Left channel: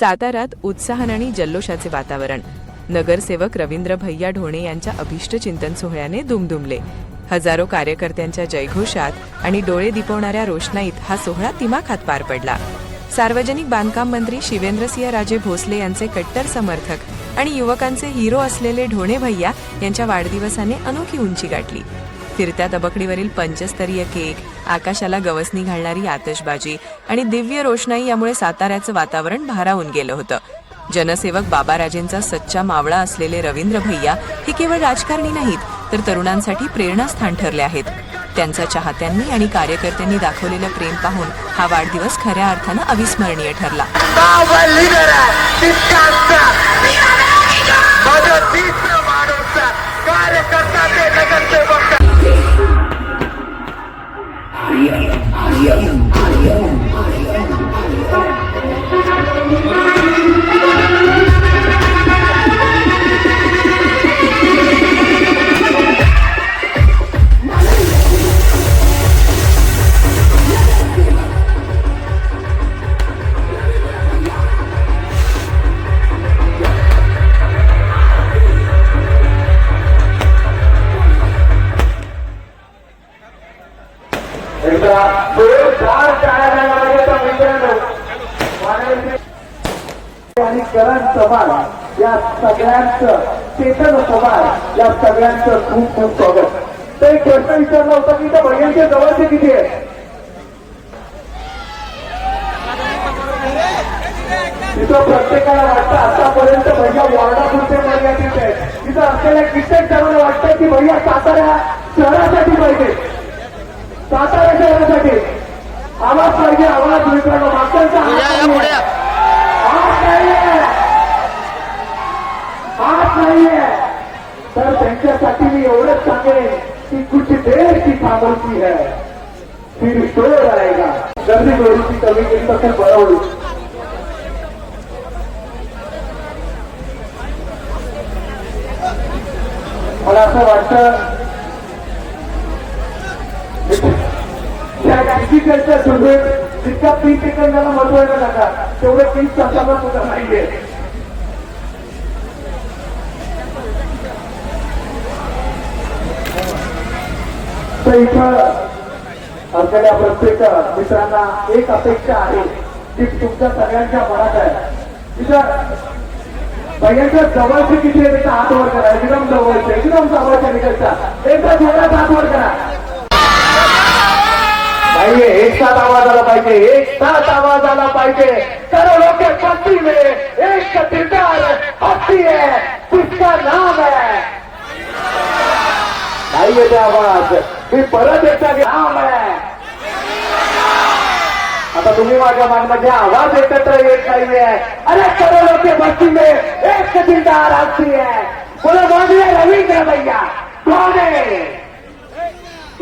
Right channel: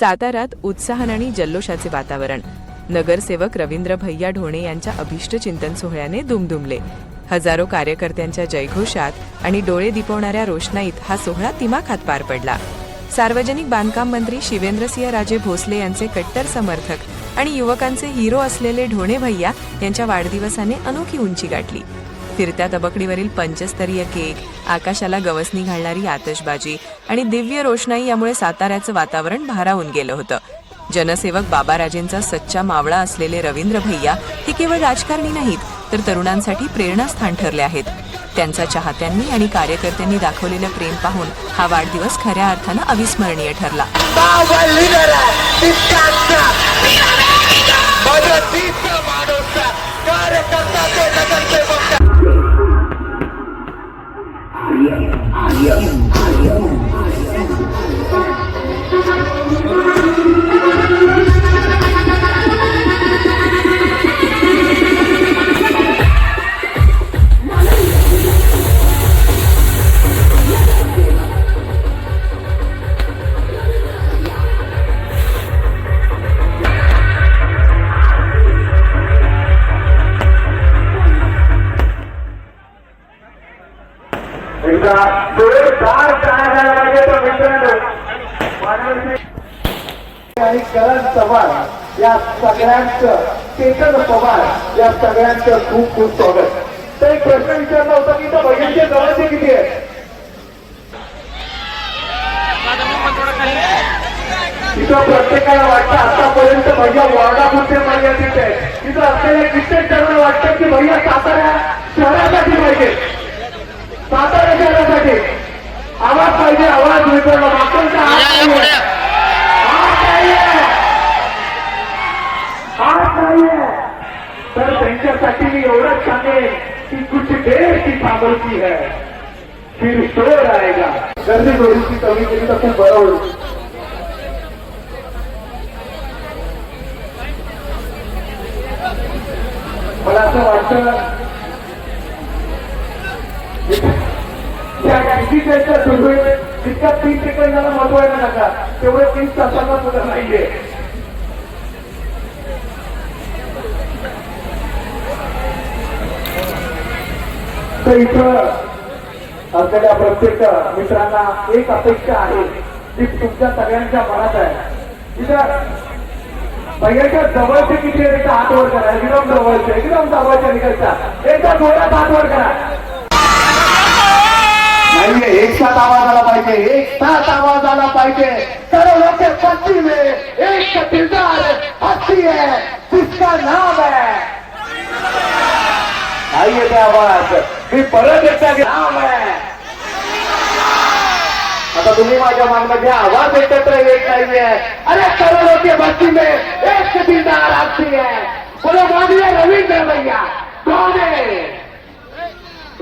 सातारात उत्साहन आणि जल्लोषाचे वातावरण नगरसेवक रवींद्र भैया ढोणे यांच्या अभिष्ट चिंतन सोहळ्याने दुमदुमले हजारो कार्यकर्त्यांच्या जयघोषात आणि डोळे दिपवणाऱ्या रोषणाईत हा सोहळा तिमाखात पार पडला सार्वजनिक बांधकाम मंत्री शिवेंद्रसिंह राजे भोसले यांचे कट्टर समर्थक आणि युवकांचे हिरो असलेले ढोणे भैया यांच्या वाढदिवसाने अनोखी उंची गाठली फिरत्या तबकडीवरील पंचस्तरीय केक आकाशाला गवसणी घालणारी आतषबाजी आणि दिव्य रोषणाई यामुळे साताऱ्याचं वातावरण भारावून गेलं होतं जनसेवक बाबाराजेंचा सच्चा मावळा असलेले रवींद्र भैया हे केवळ राजकारणी नाहीत तर तरुणांसाठी प्रेरणास्थान ठरले आहेत त्यांचा चाहत्यांनी आणि कार्यकर्त्यांनी दाखवलेलं प्रेम पाहून हा वाढदिवस खऱ्या अर्थानं अविस्मरणीय ठरला पवार या सगळ्यांचं चेतन पवार या सगळ्यांचं खूप खूप स्वागत तर एक प्रश्न विचारला होता की त्या बहिणीचे गव्हाचे किती आहे तिथं प्रत्येकाला वाटतं आतापर्यंत भैया कुठे मर्यादित आहे तिथं असलेल्या कित्येक जणांना वाटतं की भैया साताऱ्या शहरासाठी पाहिजे सातारा शहरासाठी आवाज पाहिजे आवाज मिळतो मागचा कि कुछ देर की है फिर शोर आएगा गर्मी की कमी के लिए खूब बड़ा हो मला असं वाटत या तीन सेकंदाला काही आहे ना नका तेवढे तीन तासाला नाहीये आमच्या इथं आमच्या प्रत्येक मित्रांना एक अपेक्षा आहे ती तुमच्या सगळ्यांच्या मनात आहे तिच्या सगळ्यांच्या जवळचे किती आहे तिचा हातवर करा एकदम जवळच्या एकदम जवळच्या निकटच्या एकदा जोरात हातवर करा नाहीये एक साथ आवाज आला पाहिजे एक साथ आवाज आला पाहिजे सर्व लोक पत्ती में एक का किरदार हस्ती है जिसका नाम है नाही आवाज मी परत एकदा आता तुम्ही माझ्या मागण्याचे आवाज एकत्र येत नाहीये अरे करोडों के बस्ती में एक चिंतार आती है बोलो रवींद्र भैया कोण आहे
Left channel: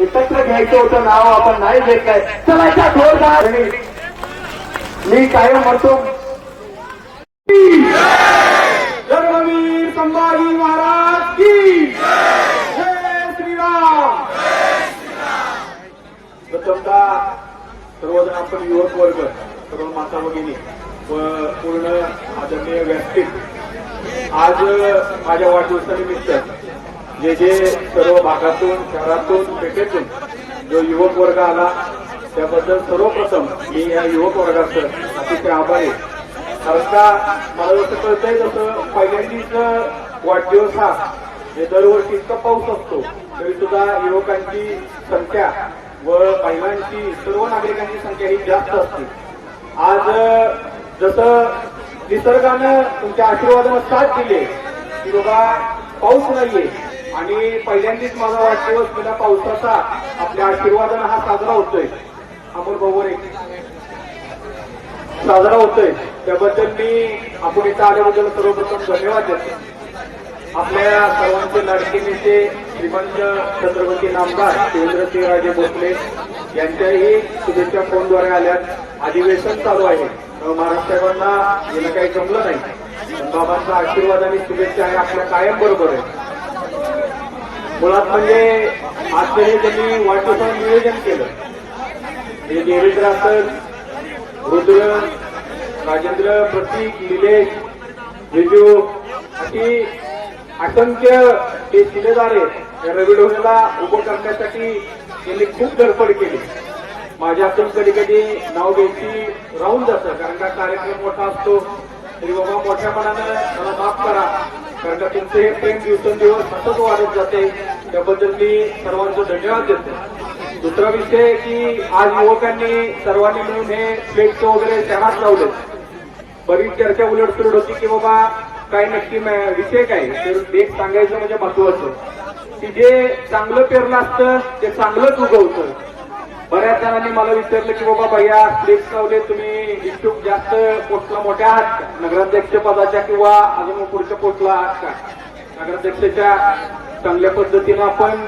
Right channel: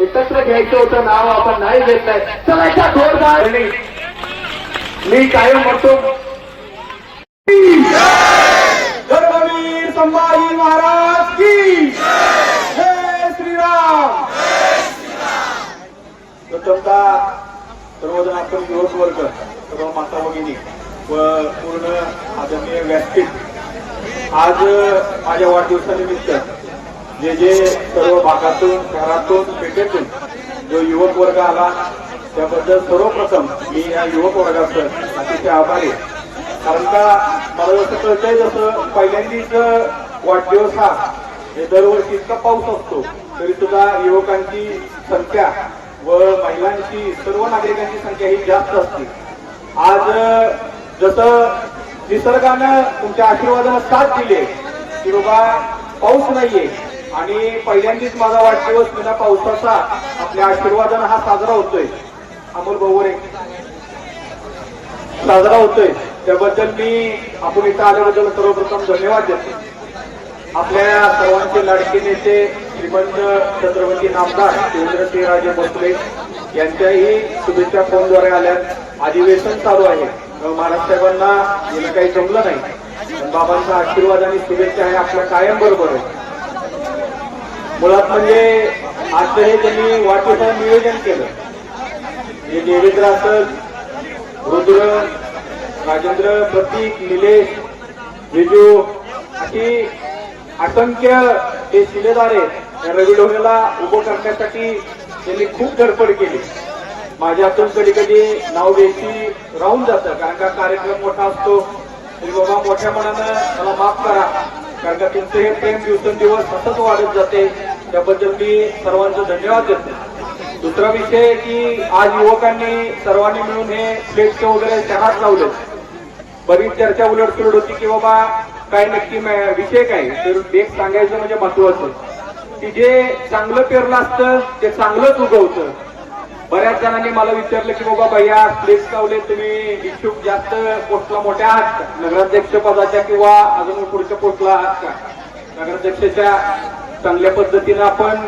एकत्र घ्यायचं होतं नाव आपण नाही देत आहे चला थोडं मी कायम म्हणतो युवक वर्ग सर्व माता भगिनी व पूर्ण आदरणीय व्यासपीठ आज माझ्या वाढदिवसानिमित्त जे जे सर्व भागातून शहरातून पेठेतून जो युवक वर्ग आला त्याबद्दल सर्वप्रथम मी या युवक वर्गाचं अतिशय आभारी कारण का मला जसं कळतंय जसं पहिल्यांदाच वाढदिवस हा दरवर्षी इतका पाऊस असतो तरी सुद्धा युवकांची संख्या व महिलांची सर्व नागरिकांची संख्या ही जास्त असते आज जसं निसर्गानं तुमच्या आशीर्वादाला साथ दिले की बाबा पाऊस नाहीये आणि पहिल्यांदाच माझा वाढदिवस पावसाचा आपल्या आशीर्वादानं हा साजरा होतोय आपण बरोबर साजरा होतोय त्याबद्दल मी आपण इथं आल्याबद्दल सर्वप्रथम धन्यवाद देतो आपल्या सर्वांचे लाडके नेते श्रीमंत छत्रपती नामदार राजे भोसले यांच्याही शुभेच्छा फोनद्वारे आल्यात अधिवेशन चालू आहे महाराष्ट्रांना हे काही जमलं नाही बाबांचा आशीर्वाद आणि शुभेच्छा आहे आपल्या कायम बरोबर मुळात म्हणजे आश्चर्य त्यांनी वाटेचं नियोजन केलं हे देवेंद्र असल रुद्र राजेंद्र प्रतीक निलेश हे अशी असंख्य ते शिलेदार आहेत रवी डोंगला उभं करण्यासाठी त्यांनी खूप धडपड केली माझ्या हातून कधी कधी नाव घ्यायची राहून जातं कारण का कार्यक्रम मोठा असतो तरी बाबा मोठ्या मनानं मला माफ करा कारण का तुमचं हे प्रेम दिवसेंदिवस सतत वाढत जाते त्याबद्दल मी सर्वांचा धन्यवाद देतो दुसरा विषय की आज युवकांनी सर्वांनी मिळून हे प्लेटचे वगैरे त्यांनाच लावलं बरीच चर्चा उलटसुलट होती की बाबा काय नक्की विषय काय ते एक सांगायचं म्हणजे महत्वाचं की जे चांगलं पेरलं असतं ते चांगलंच उगवतं बऱ्याच जणांनी मला विचारलं की बाबा भैया प्लेस लावले तुम्ही इच्छुक जास्त पोस्टला मोठ्या आहात नगराध्यक्ष पदाच्या किंवा अजून पुढच्या पोस्टला आहात का नगराध्यक्षाच्या चांगल्या पद्धतीनं आपण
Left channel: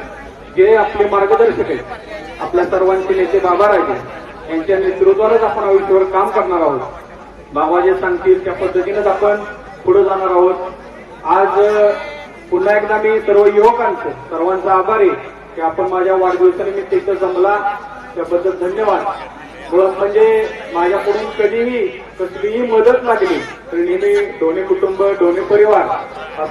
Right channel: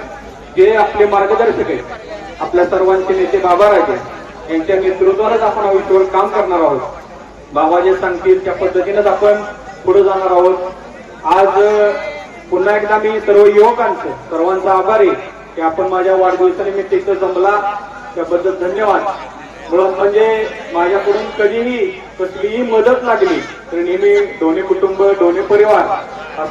जे आपले मार्गदर्शक आहेत आपल्या सर्वांचे नेते बाबा राहतात यांच्या नेतृत्वावरच आपण आयुष्यावर काम करणार आहोत बाबा जे सांगतील त्या पद्धतीनंच आपण पुढे जाणार आहोत आज पुन्हा एकदा मी सर्व युवकांचं सर्वांचा आभारी की आपण माझ्या वाढदिवसानिमित्त इथे जमला त्याबद्दल धन्यवाद मुळात म्हणजे माझ्याकडून कधीही कसलीही मदत लागली तर नेहमी दोन्ही कुटुंब दोन्ही परिवार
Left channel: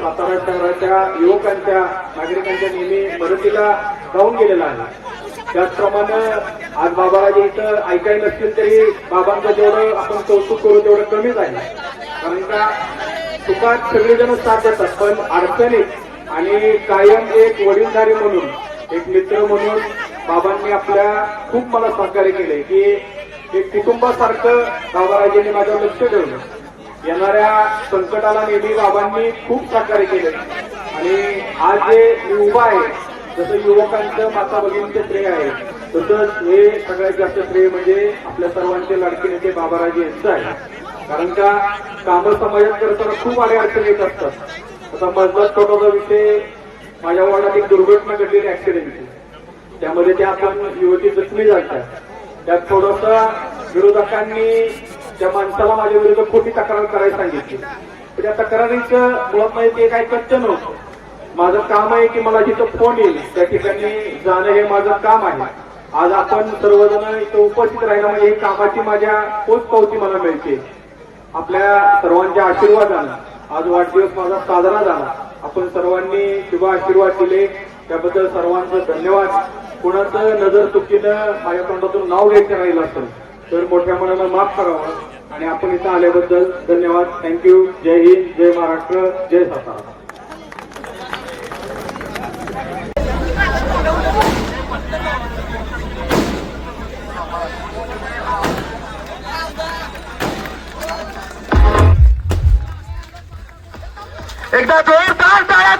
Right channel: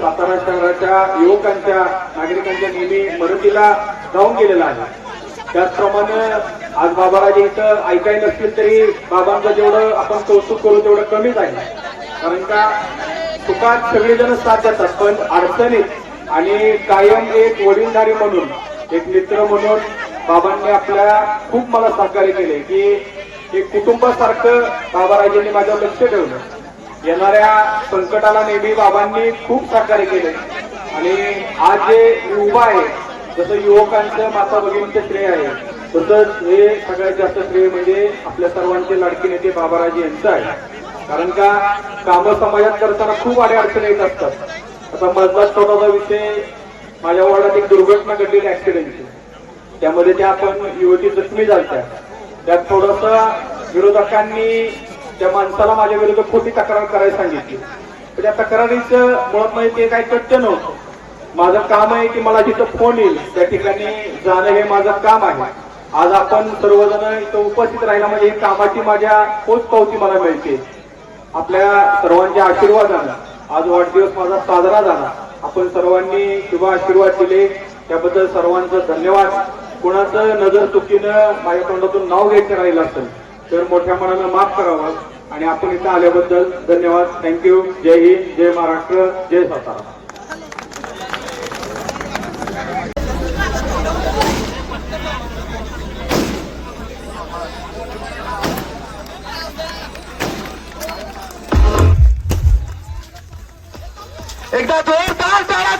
सातारा शहराच्या युवकांच्या नागरिकांच्या नेहमी मदतीला जाऊन गेलेला आहे त्याचप्रमाणे आज बाबाराजी इथं ऐकायला नसतील तरी बाबांचं जेवढं आपण कौतुक करू तेवढं कमीच आहे कारण का सुखात सगळेजण साथ देतात पण अडचणी आणि कायम एक वडीलधारी म्हणून एक मित्र म्हणून बाबांनी आपल्या खूप मला सहकार्य केले की एक कुटुंबासारखं बाबाराजांनी माझं लक्ष ठेवलं येणाऱ्या संकटाला नेहमी बाबांनी खूप सहकार्य केले आणि आज जे युवा आहे जसं युवकांचं माता भगिनीचं श्रेय आहे तसंच हे सगळ्यात जास्त श्रेय म्हणजे आपल्या सर्वांचे लाडके नेते बाबाराजे यांचं आहे कारण का कामं समाजात करताना खूप अडचणी येत असतात आता मधला स्वतःचा विषय माझ्या वडिलात एक दुर्घटना घडली ऍक्सिडेंट त्यामध्ये त्या आपण युवती जखमी झाल्या त्यात थोडस विरोधकांनी त्या माणसाला माझ्या विरुद्ध खोटी तक्रार करायला सांगितली त्या तक्रारीचं मुळात नाही ते काही सत्य नव्हतं माझं काम आहे की मला जिथं फोन येईल त्या ठिकाणी जाणं हे माझं काम आहे आज आपण सर्वजण इथं उपस्थित राहिला ही कामाची माझ्या पावती मला मिळते आपल्या सर्वांच्या आशीर्वादानं आज वाढदिवस माझा साजरा झाला आपण सर्वांनी शुभ आशीर्वाद दिले त्याबद्दल सर्वांचं धन्यवाद कोणाचं नजर चुकीनं माझ्या तोंडातून नाव घ्यायचं राहिलं असेल तर मोठ्या मनानं माफ करावं आणि आपण इथं आल्याबद्दल धन्यवाद थँक्यू जय हिंद जय महाराष्ट्र जय सातारा एकदा जोरदार टाळ्या